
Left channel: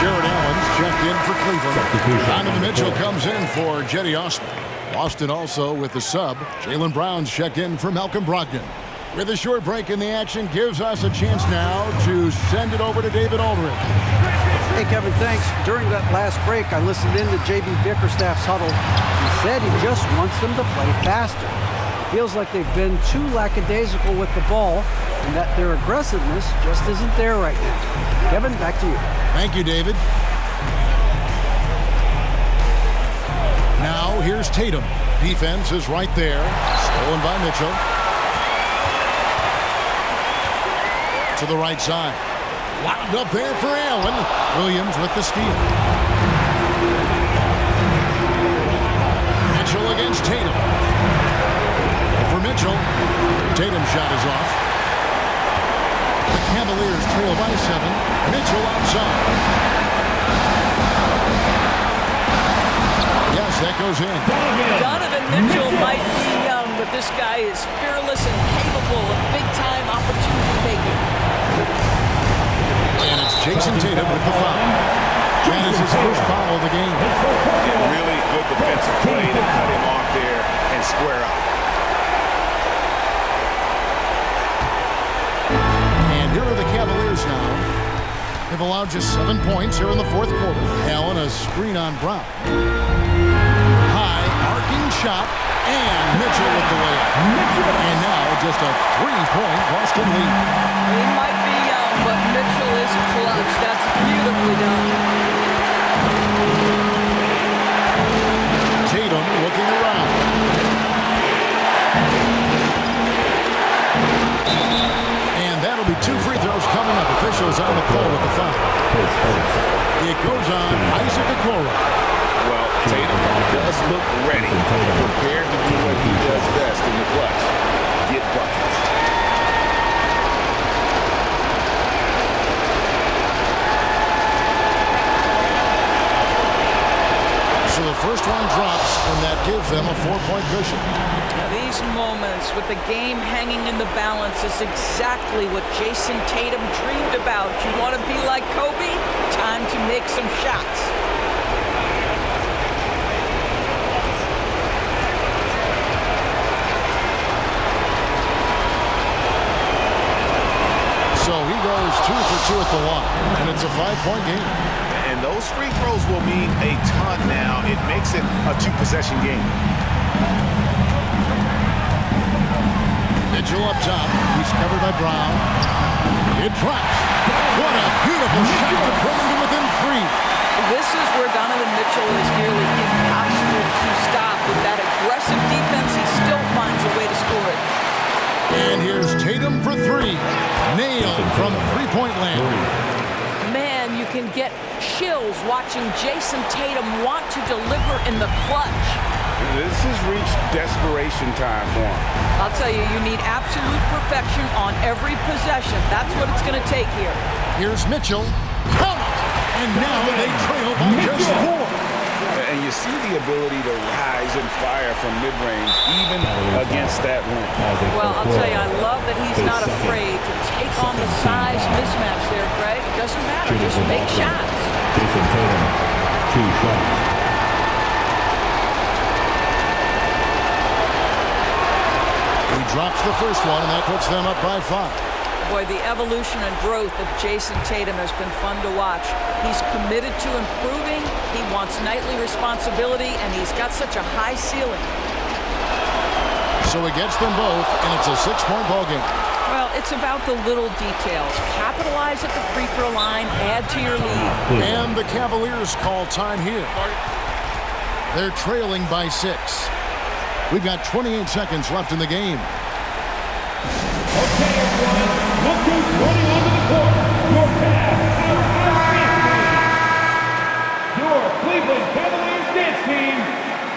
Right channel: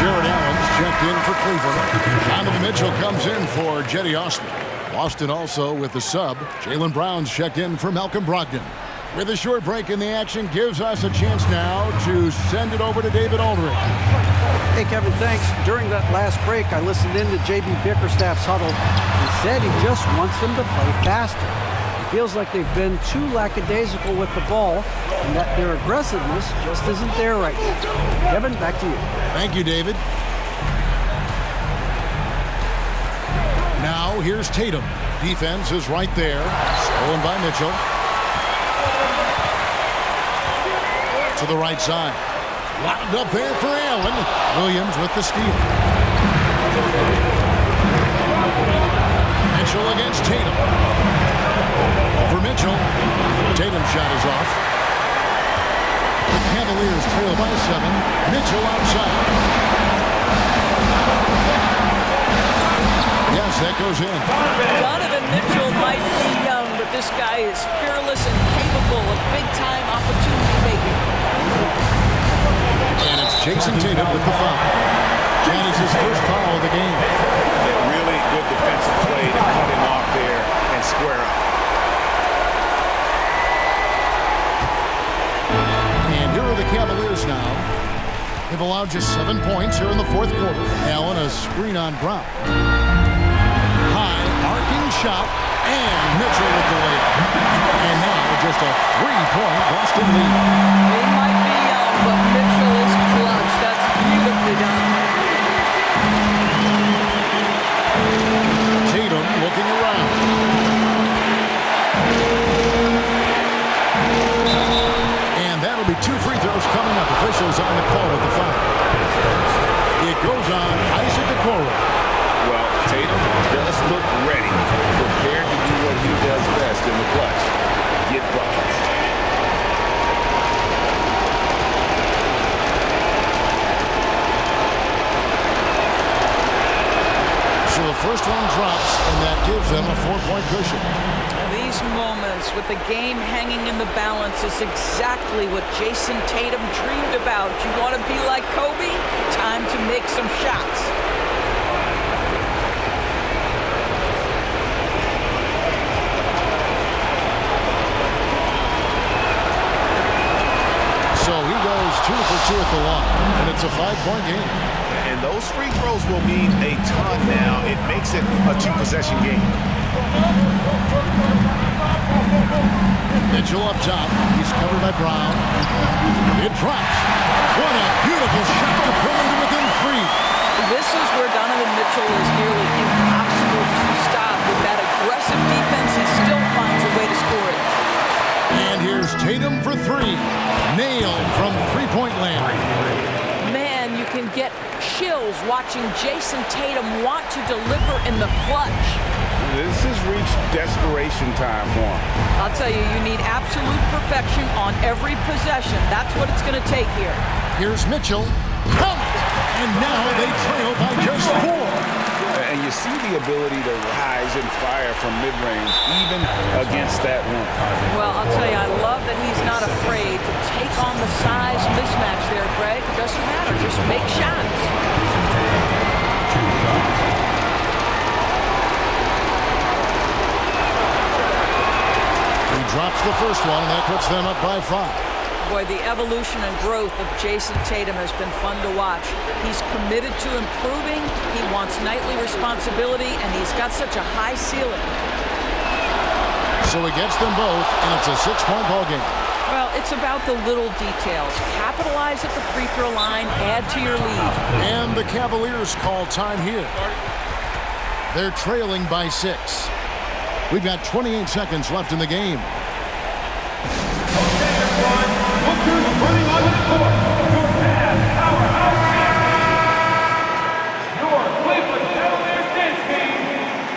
Jared Allen's checked in for Cleveland. Donovan Mitchell comes in for Jetty Osman. Boston also with the sub. Jaylen Brown's checked in for Malcolm Brogdon. With a short break in the action, gives us a chance now to send it over to David Aldridge. Hey, Kevin, thanks. During that last break, I listened in to J.B. Bickerstaff's huddle. He said he just wants them to play faster. It feels like they've been too lackadaisical with the ball, and that their aggressiveness just isn't there right now. Kevin, back to you. Thank you, David. Now, here's Tatum. Defense is right there. Stolen by Mitchell. To the right side. Lobbed up there for Allen. Williams with the steal. Mitchell against Tatum. For Mitchell. Tatum's shot is off. The Cavaliers trail by 7. Mitchell outside. Yes, that goes in. Donovan Mitchell might be young, but this guy is fearless and capable of big-time opportunity making. And it's Jason Tatum with the foul. That is his first foul of the game. Yeah, really good defensive play to cut him off there and square up. And here are the Cavaliers now. They've allowed just 7 points here in the fourth quarter. Allen, a screen on Brown. High, arcing shot, and Mitchell with the layup. And now just a 3-point Boston lead. He might be young, but Mitchell is clutch. That's beautifully done. Tatum looking around. And that'll be 2 free throws coming up. Officials on the call with the foul. It goes on Isaac Okoro. Well, Tatum does look ready, prepared to do what he does best in the clutch, get buckets. So the first one drops, and that gives them a 4-point cushion. Now, these moments with the game hanging in the balance is exactly what Jason Tatum dreamed about. You want to be like Kobe? Time to make some shots. So he goes 2 for 2 at the line, and it's a 5-point game. And those free throws will mean a ton now. It makes it a 2-possession game. Mitchell up top. He's covered by Brown. It drops. What a beautiful shot to bring him to within 3. This is where Donovan Mitchell is nearly impossible to stop. With that aggressive defense, he still finds a way to score it. And here's Tatum for 3. Nailed from 3-point land. Man, you can get chills watching Jason Tatum want to deliver in the clutch. This has reached desperation time for him. I'll tell you, you need absolute perfection on every possession. That's what it's going to take here. Here's Mitchell. Count it! And now they trail by just 4. And you see the ability to rise and fire from mid-range, even against that length. Well, I'll tell you, I love that he's not afraid to take on the size mismatch there, Greg. It doesn't matter. Just make shots. Jason Tatum, 2 shots. He drops the first one, and that puts them up by 5. Boy, the evolution and growth of Jason Tatum has been fun to watch. He's committed to improving, he wants nightly responsibility, and he's got such a high ceiling. So he gets them both, and it's a 6-point ball game. Well, it's about the little details. Capitalize at the free throw line, add to your lead. And the Cavaliers call time here. They're trailing by 6. We've got 28 seconds left in the game. Okay, everyone, look who's running onto the court. Your Cavs powerhouse team. Your Cleveland Cavaliers dance team.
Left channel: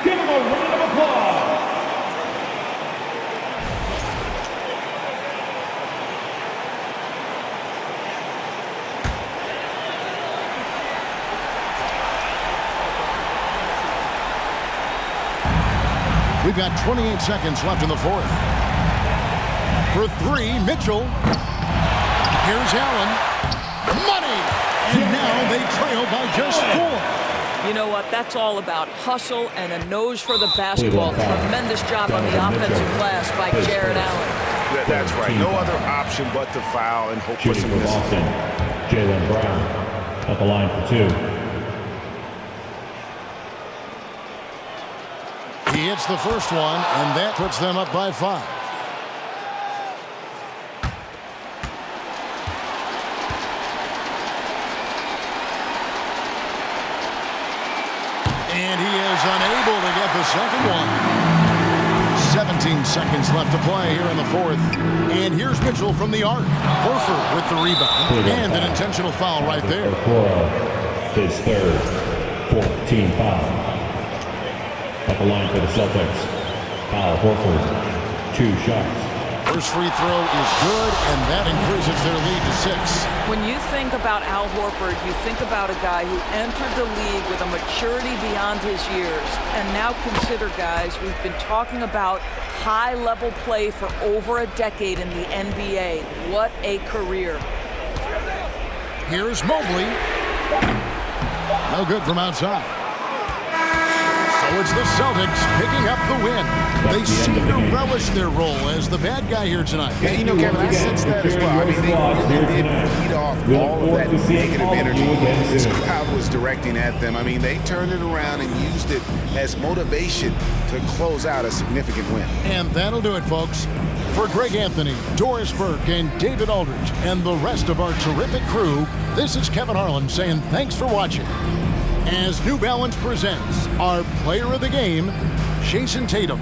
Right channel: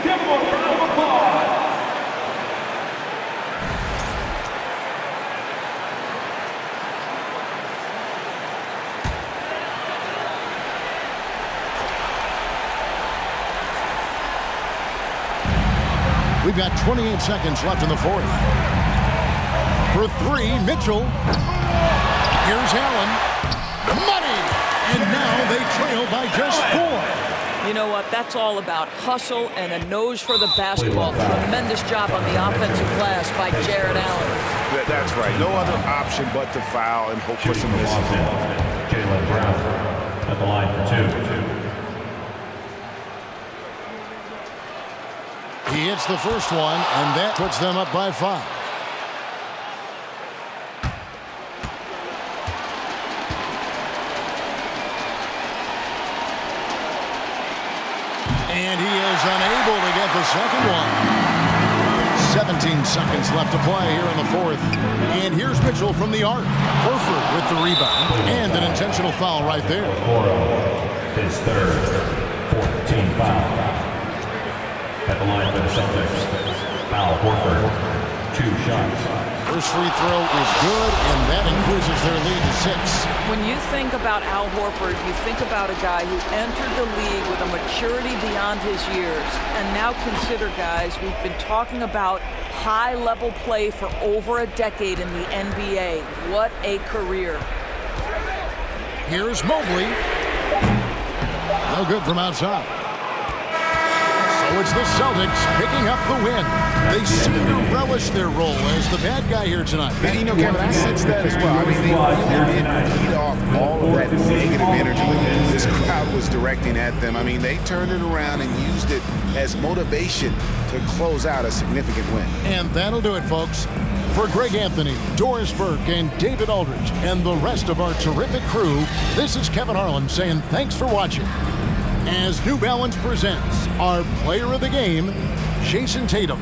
Give them a round of applause. We've got 28 seconds left in the fourth. For 3, Mitchell. Here's Allen. Money! And now they trail by just 4. You know what? That's all about hustle and a nose for the basketball. Tremendous job on the offensive glass by Jared Allen. That's right. No other option but to foul and hope for some misses. Boston, Jaylen Brown at the line for 2. He hits the first one, and that puts them up by 5. And he is unable to get the second one. 17 seconds left to play here in the fourth. And here's Mitchell from the arc. Horford with the rebound. And an intentional foul right there. His third 14 foul. At the line for the Celtics, Al Horford, 2 shots. First free throw is good, and that increases their lead to 6. When you think about Al Horford, you think about a guy who entered the league with a maturity beyond his years. And now consider, guys, we've been talking about high-level play for over a decade in the NBA. What a career. Here's Mobley. No good from outside. So it's the Celtics picking up the win. They seem to relish their role as the bad guy here tonight. And, you know, Kevin, I sense that as well. I mean, they really did feed off all of that negative energy this crowd was directing at them. I mean, they turned it around and used it as motivation to close out a significant win. And that'll do it, folks. For Greg Anthony, Doris Burke, and David Aldridge, and the rest of our terrific crew, this is Kevin Harlan saying thanks for watching. As New Balance presents our player of the game, Jason Tatum.